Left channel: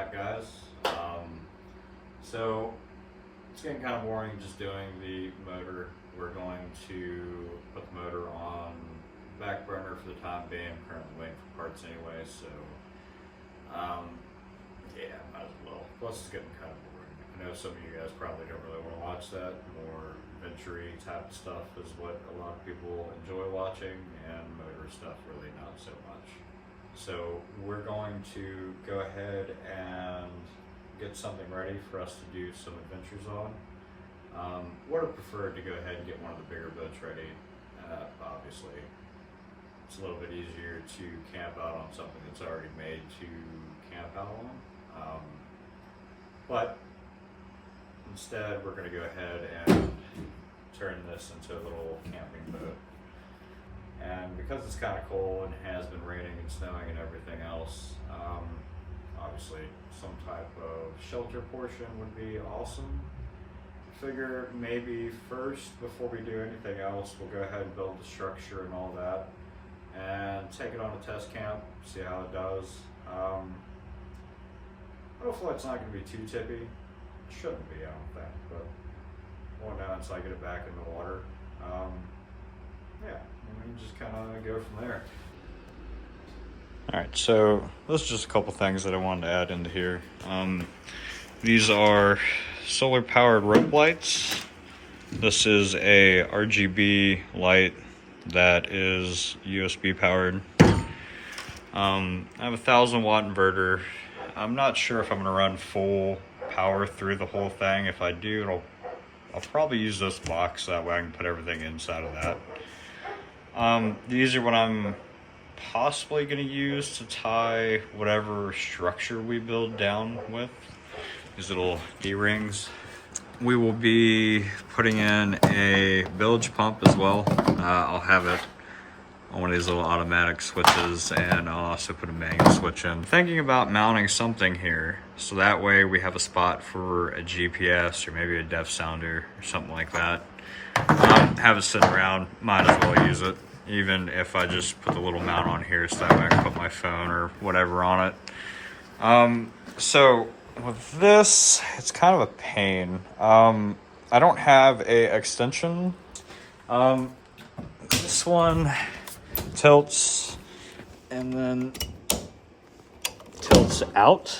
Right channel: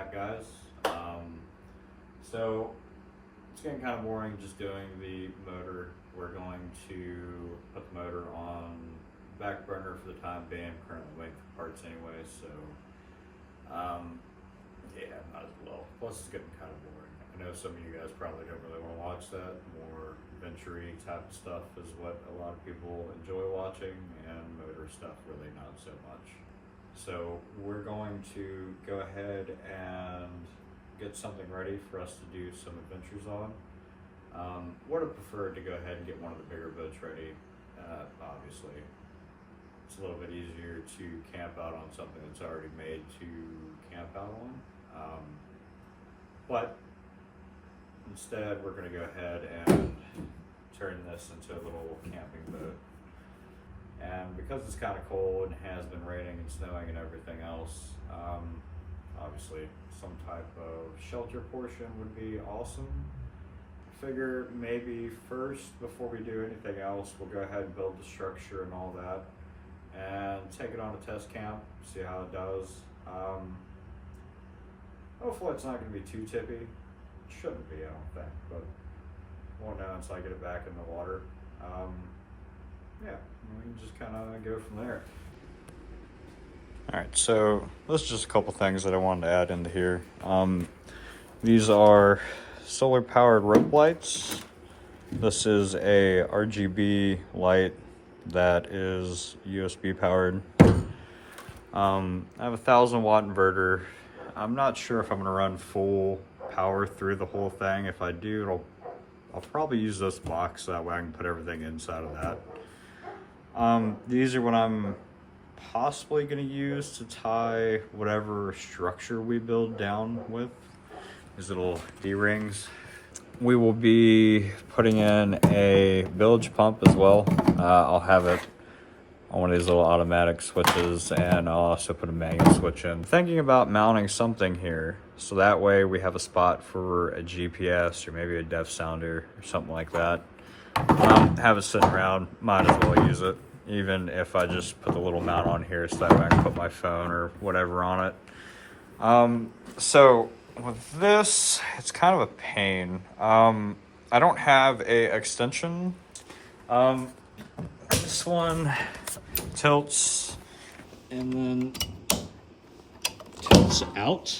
back, guys. So it's getting kind of boring just doing the motor. We're going to put the motor on back burner for the time being. I'm currently waiting for parts anyway, so yeah, might as well. Plus, it's getting kind of boring. I know some of you guys probably don't really want to watch that. More adventure-y type of stuff is what a lot of people enjoy watching, and motor stuff really not so much. So we're going to go ahead and get something ready for us to do some adventures on. Would have preferred to go ahead and get one of the bigger boats ready. Obviously, it's a little bit easier to camp out on something that's already made to camp out on. But instead, we're going to go ahead and turn this into a little camping boat. And because it's kind of cold and has been raining and snowing and everything else, obviously some type of shelter portion would be awesome. I figure maybe first, before we do anything else, we'll go ahead and build the structure and all that and take it on a test camp, see how it does. Hopefully it's not going to be too tippy. It shouldn't be, I don't think, but won't know until I get it back in the water. Yeah, and we can just kind of go from there. All right, so there's just a couple things that I wanted to add into here. These are solar powered rope lights. This is a RGB light that is USB powered. I have a 1,000-watt inverter. I'm not sure if I'm gonna run full power through the whole thing. If I do, I'll probably use this box, that way I can put everything inside of that. These are what I'm possibly going to use to tie whatever structure we build down with. These little D-rings. We will be putting in a bilge pump as well. I'll have it on one of these little automatic switches, and I'll also put a manual switch in. Thinking about mounting something here, so that way we have a spot for a GPS or maybe a depth sounder or something like that. Have it sitting around, might as well use it, even if I just put the little mount on here so that way I can put my phone or whatever on it. So with this, it's kind of a pain. I don't have a extension. This one tilts and then tilts out,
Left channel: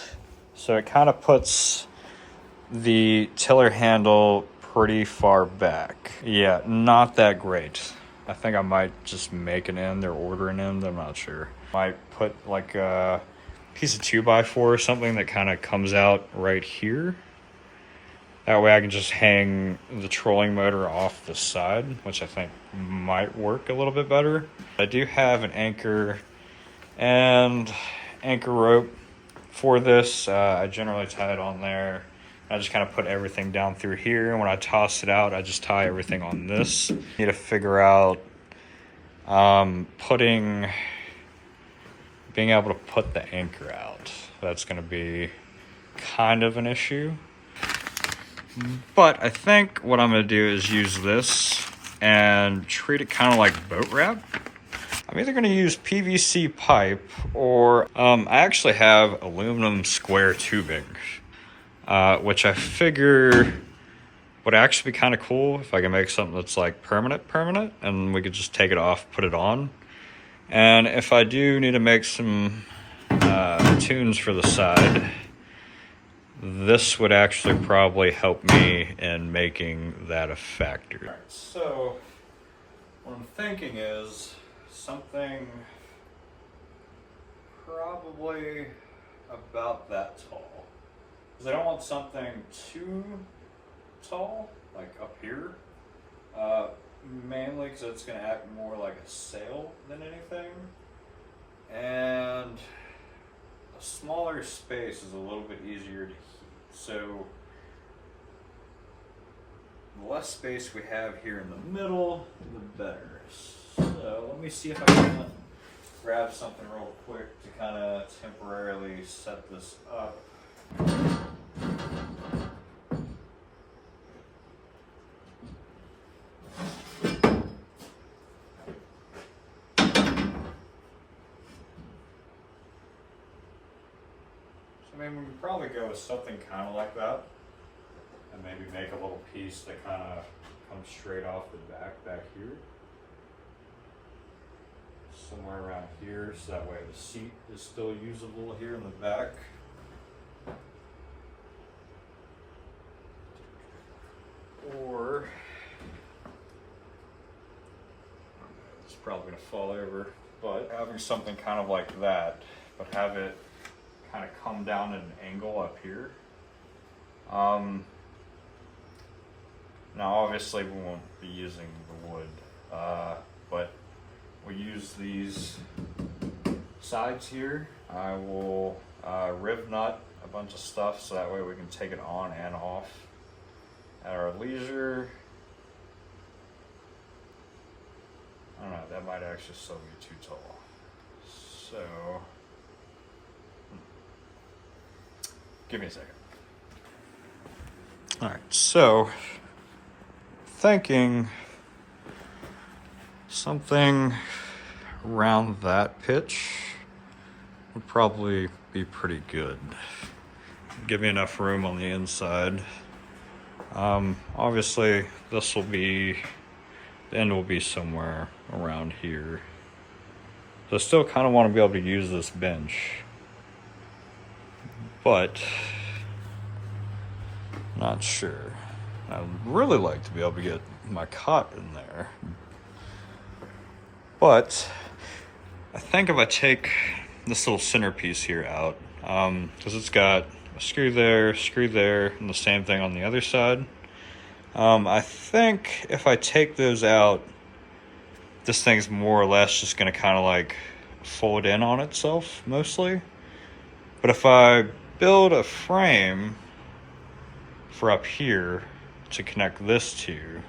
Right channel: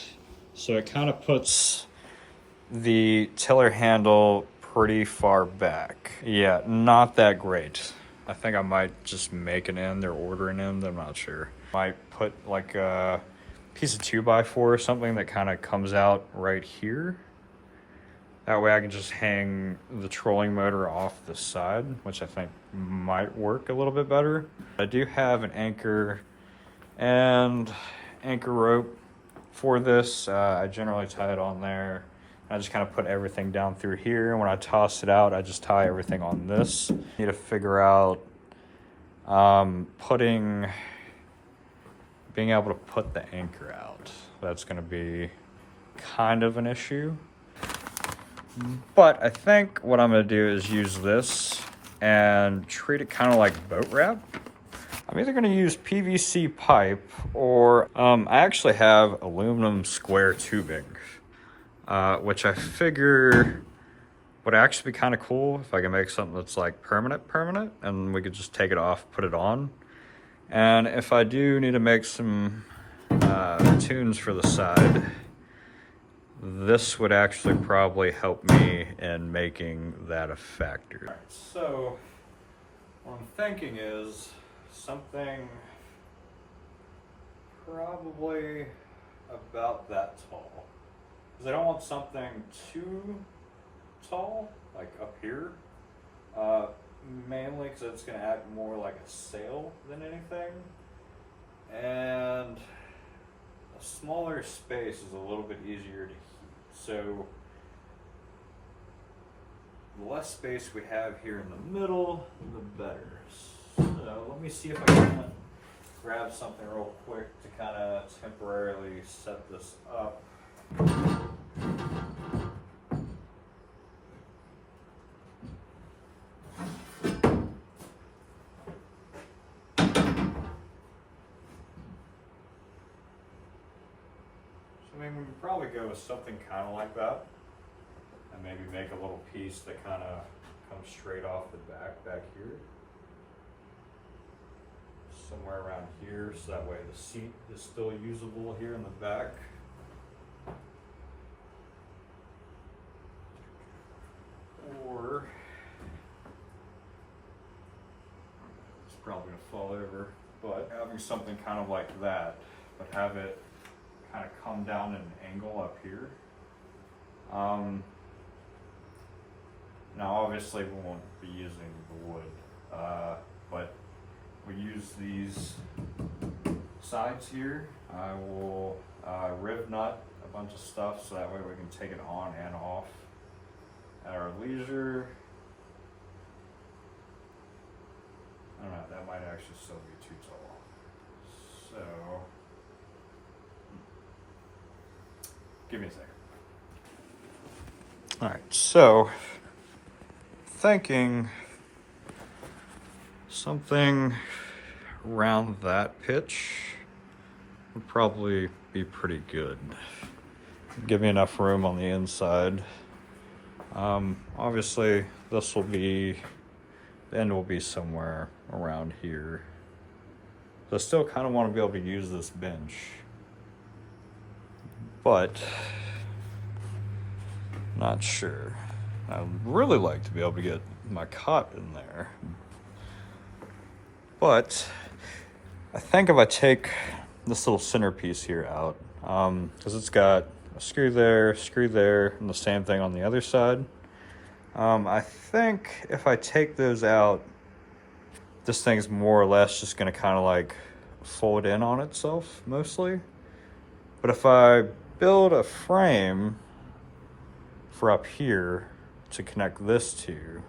so it kind of puts the tiller handle pretty far back. Yeah, not that great. I think I might just make an end or order an end, I'm not sure. Might put like a piece of 2x4 or something that kind of comes out right here. That way I can just hang the trolling motor off the side, which I think might work a little bit better. I do have an anchor and anchor rope for this. I generally tie it on there. I just kind of put everything down through here. And when I toss it out, I just tie everything on this. Need to figure out being able to put the anchor out. That's going to be kind of an issue. But I think what I'm going to do is use this and treat it kind of like boat wrap. I'm either going to use PVC pipe or I actually have aluminum square tubing, which I figure would actually be kind of cool if I can make something that's like permanent, and we could just take it off, put it on. And if I do need to make some tunes for the side, this would actually probably help me in making that a factor. Right, so what I'm thinking is something probably about that tall. Because I don't want something too tall, like up here. Mainly because it's going to act more like a sail than anything. And a smaller space is a little bit easier to heat. So the less space we have here in the middle, the better. So let me see if I can grab something real quick to kind of temporarily set this up. I mean, we can probably go with something kind of like that, and maybe make a little piece that kind of comes straight off the back here, somewhere around here, so that way the seat is still usable here in the back. Or it's probably gonna fall over, but having something kind of like that, but have it kind of come down at an angle up here. Now obviously we won't be using the wood, but we use these sides here. I will riv nut a bunch of stuff so that way we can take it on and off at our leisure. I don't know, that might actually still be too tall. So, give me a second. All right, so thinking something around that pitch would probably be pretty good. Give me enough room on the inside. Obviously this will be, the end will be somewhere around here. So I still kind of want to be able to use this bench, but not sure. I'd really like to be able to get my cot in there, but I think if I take this little centerpiece here out, because it's got a screw there, and the same thing on the other side. I think if I take those out, this thing's more or less just gonna kind of like fold in on itself mostly. But if I build a frame for up here to connect this to,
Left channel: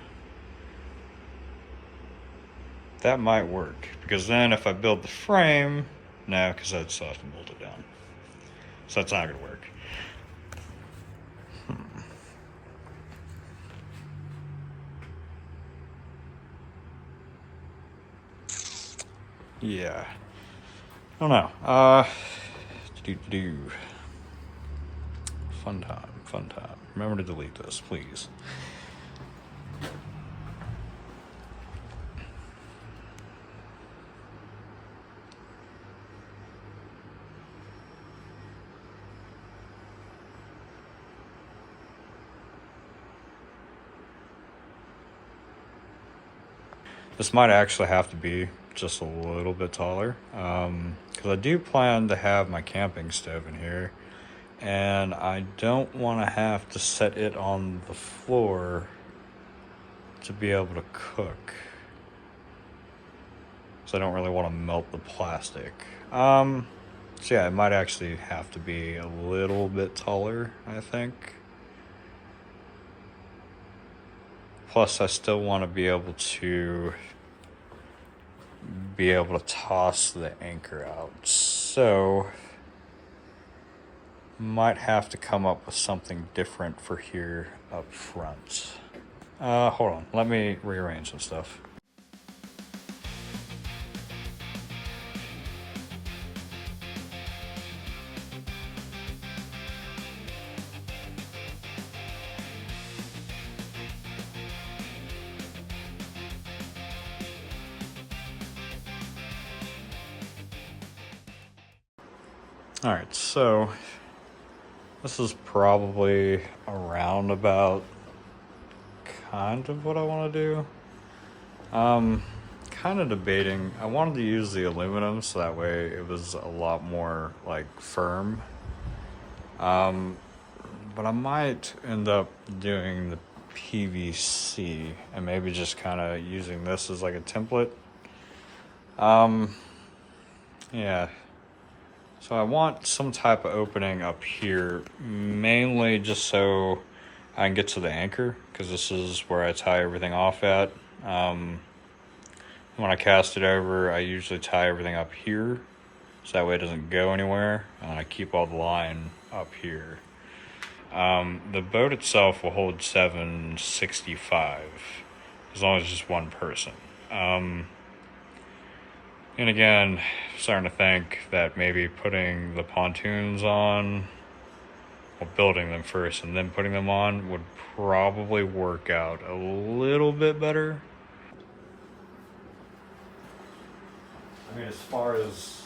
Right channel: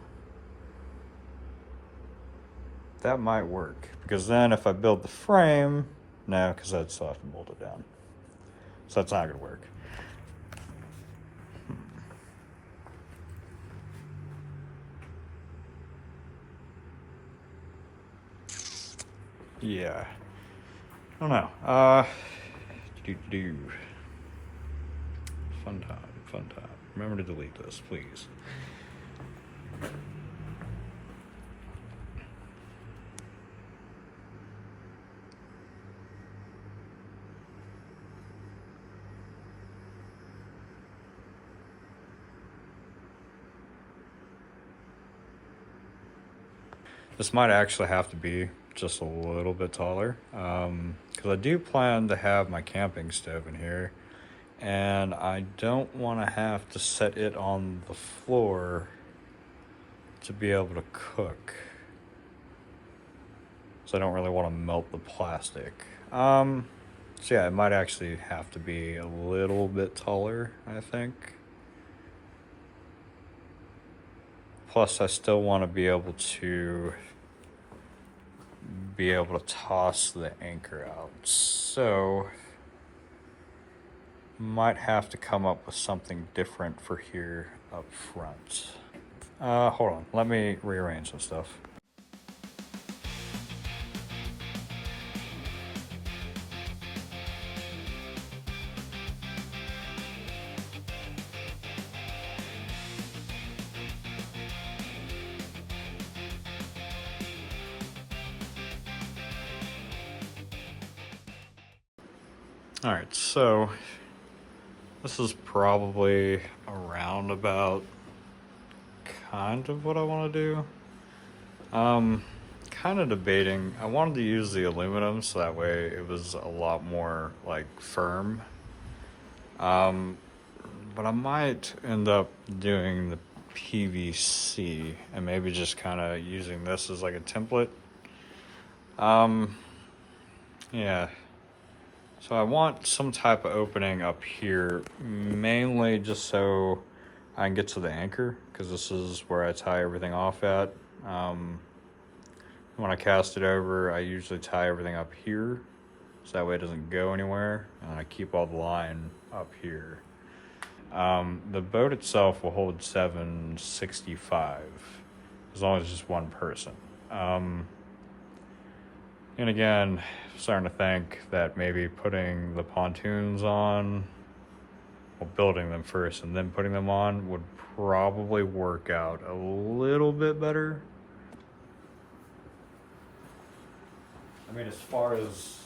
that might work. Because then if I build the frame, no, because I'd still have to bolt it down. So that's not gonna work. Yeah, I don't know. Fun time. Remember to delete this, please. This might actually have to be just a little bit taller, because I do plan to have my camping stove in here, and I don't want to have to set it on the floor to be able to cook, so I don't really want to melt the plastic. So yeah, it might actually have to be a little bit taller, I think. Plus I still want to be able to toss the anchor out, so might have to come up with something different for here up front. Hold on, let me rearrange some stuff. All right, so this is probably around about kind of what I want to do. Kind of debating. I wanted to use the aluminum so that way it was a lot more like firm. But I might end up doing the PVC and maybe just kind of using this as like a template. Yeah. So I want some type of opening up here, mainly just so I can get to the anchor, because this is where I tie everything off at. When I cast it over, I usually tie everything up here, so that way it doesn't go anywhere, and I keep all the line up here. The boat itself will hold 765, as long as it's just one person. And again, starting to think that maybe putting the pontoons on well, building them first and then putting them on would probably work out a little bit better. I mean, as far as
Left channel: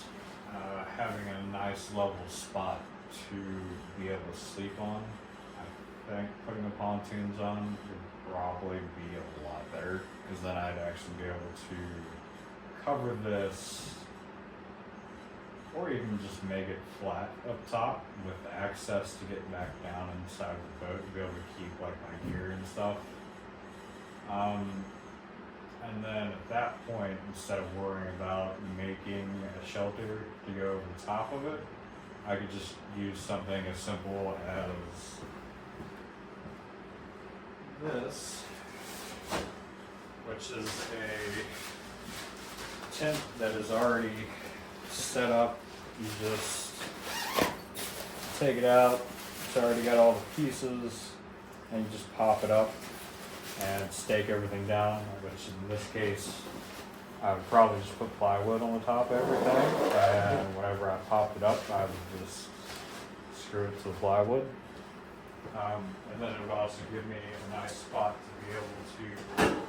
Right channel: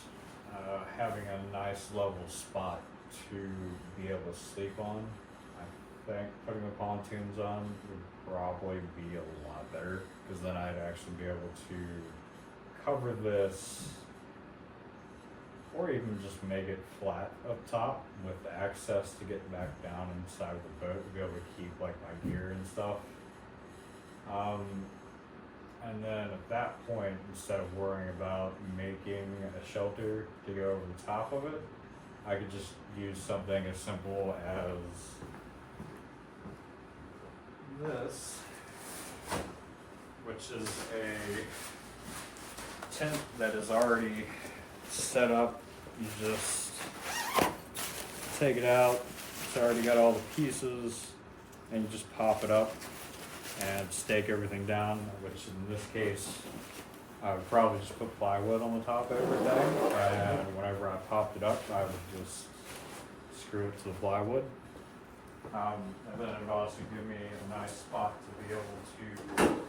having a nice level spot to be able to sleep on, I think putting the pontoons on would probably be a lot better, because then I'd actually be able to cover this, or even just make it flat up top with access to get back down inside of the boat to be able to keep like my gear and stuff. And then at that point, instead of worrying about making a shelter to go over the top of it, I could just use something as simple as this, which is a tent that is already set up. You just take it out, it's already got all the pieces, and you just pop it up and stake everything down, which in this case, I would probably just put plywood on the top of everything, and whenever I popped it up, I would just screw it to the plywood. And then it would also give me a nice spot to be able to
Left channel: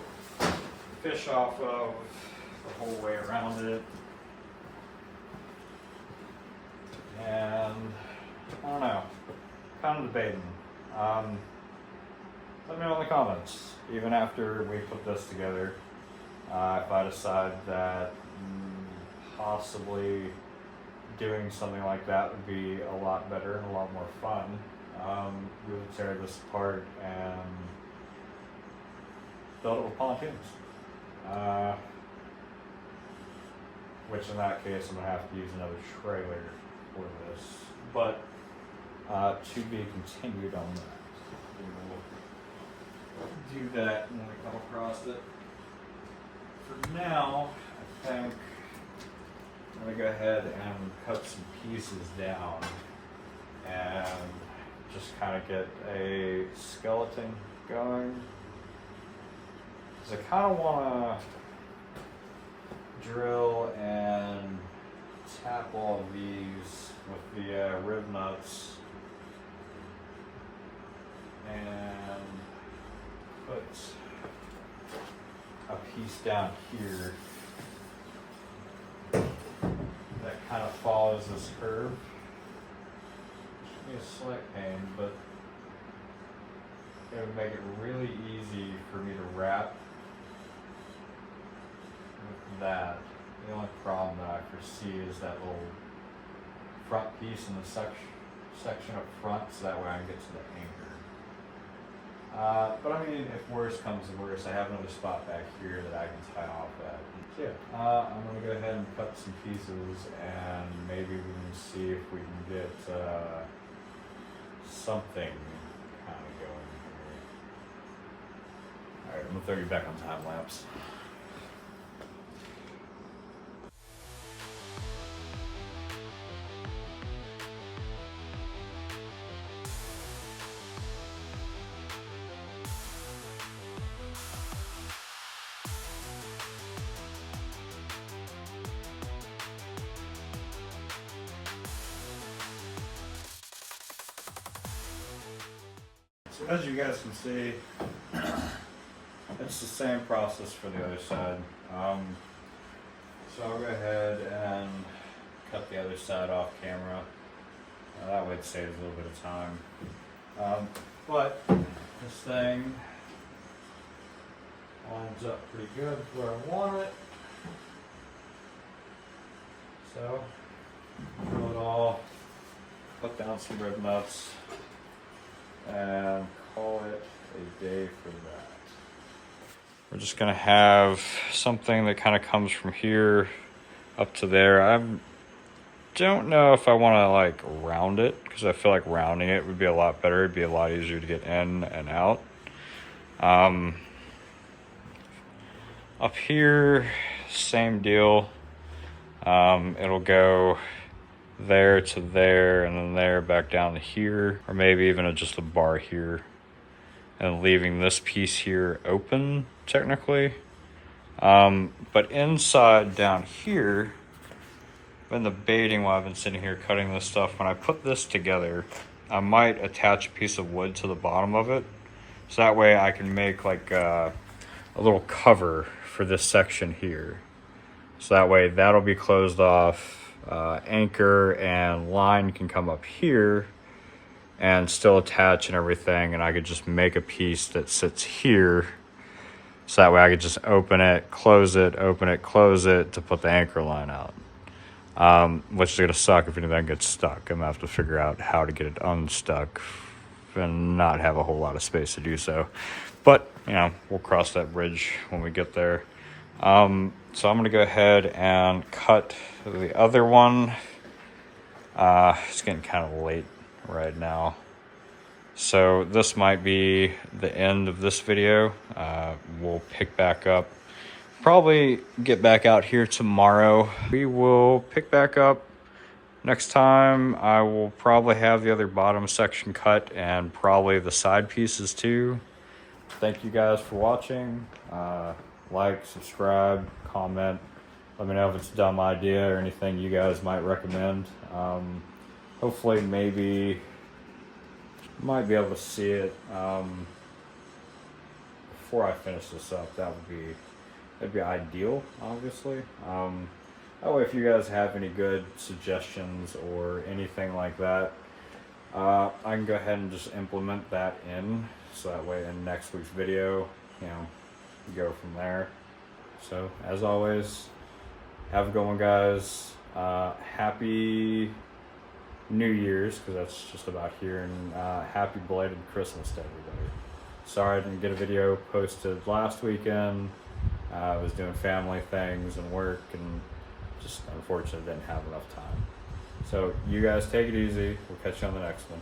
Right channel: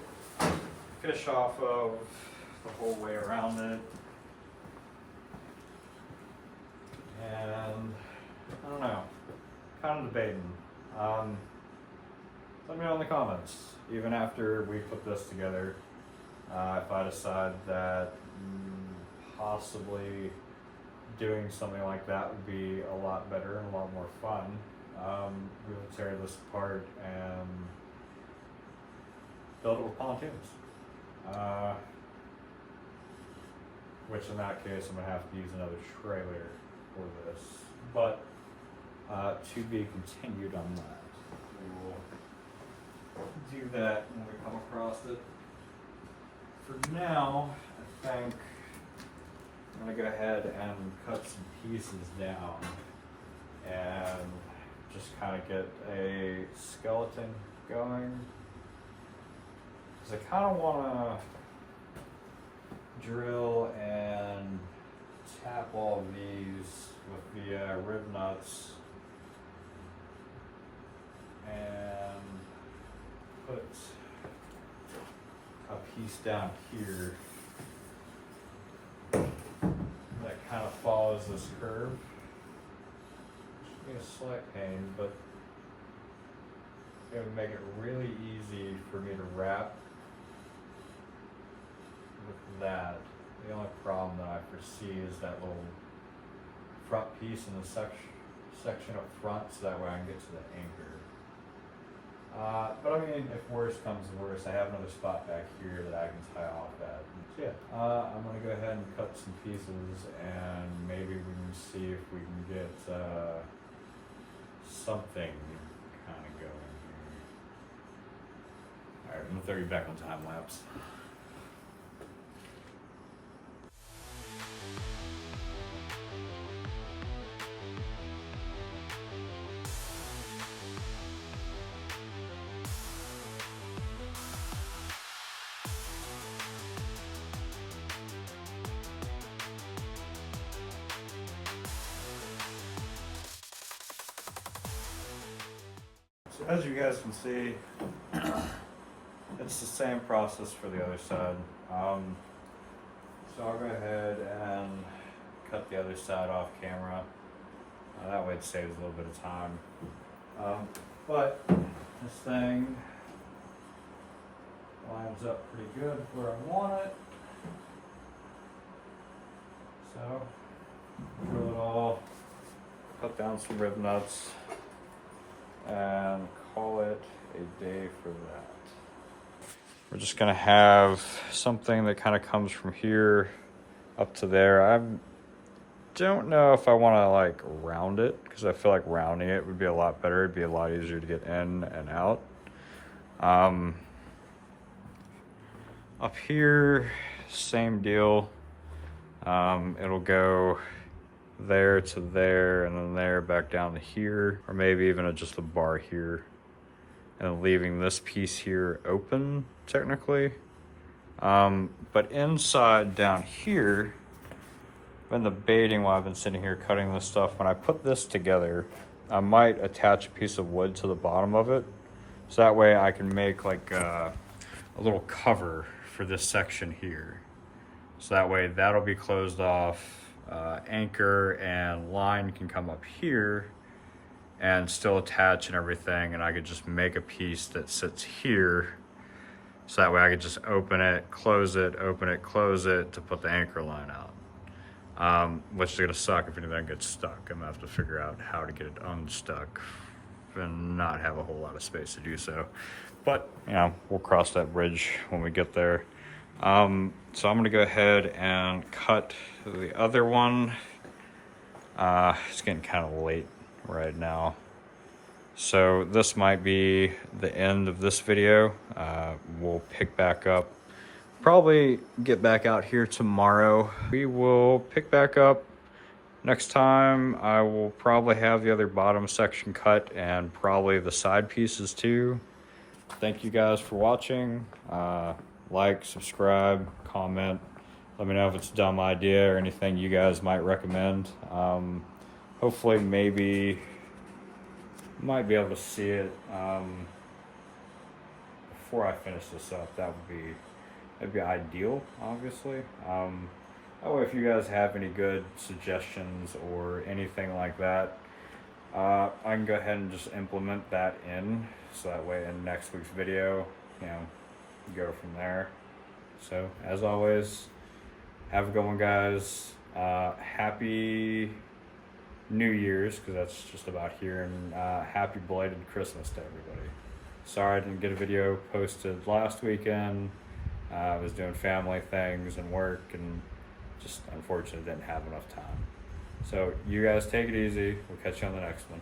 fish off of the whole way around it. And I don't know, kind of debating. Let me know in the comments, even after we put this together, if I decide that possibly doing something like that would be a lot better and a lot more fun. We would tear this apart and build it with pontoons. Which in that case, I'm gonna have to use another trailer for this, but to be continued on that. We will do that when we come across it. For now, I think I'm gonna go ahead and cut some pieces down and just kind of get a skeleton going. Because I kind of want to drill and tap all of these with the rib nuts and put a piece down here that kind of follows this curve. Should be a slight pain, but it would make it really easy for me to wrap with that. The only problem that I foresee is that little front piece in the section up front, so that way I can get to the anchor. But I mean, if worse comes to worse, I have another spot back here that I can tie off at. So yeah, I'm gonna go ahead and cut some pieces, and maybe we can see if we can get something kind of going here. All right, I'm gonna throw you back on time lapse. So as you guys can see, it's the same process for the other side. So I'll go ahead and cut the other side off camera. That way it saves a little bit of time. But this thing lines up pretty good where I want it. So drill it all, put down some rib nuts, and call it a day for that. We're just gonna have something that kind of comes from here up to there. I don't know if I want to like round it, because I feel like rounding it would be a lot better. It'd be a lot easier to get in and out. Up here, same deal. It'll go there to there, and then there back down to here, or maybe even just a bar here, and leaving this piece here open technically. But inside down here, been debating while I've been sitting here cutting this stuff. When I put this together, I might attach a piece of wood to the bottom of it, so that way I can make like a little cover for this section here. So that way that'll be closed off. Anchor and line can come up here and still attach and everything, and I could just make a piece that sits here. So that way I could just open it, close it, open it, close it to put the anchor line out. Which is gonna suck if anything gets stuck. I'm gonna have to figure out how to get it unstuck and not have a whole lot of space to do so. But, you know, we'll cross that bridge when we get there. So I'm gonna go ahead and cut the other one. It's getting kind of late right now. So this might be the end of this video. We'll pick back up. Probably get back out here tomorrow. We will pick back up next time. I will probably have the other bottom section cut and probably the side pieces too. Thank you guys for watching. Like, subscribe, comment. Let me know if it's a dumb idea or anything you guys might recommend. Hopefully, maybe might be able to see it before I finish this up. That'd be ideal, obviously. That way, if you guys have any good suggestions or anything like that, I can go ahead and just implement that in. So that way, in next week's video, you know, go from there. So, as always, have a good one, guys. Happy New Year's, because that's just about here, and happy belated Christmas to everybody. Sorry I didn't get a video posted last weekend. I was doing family things and work, and just unfortunately didn't have enough time. So you guys take it easy. We'll catch you on the next one.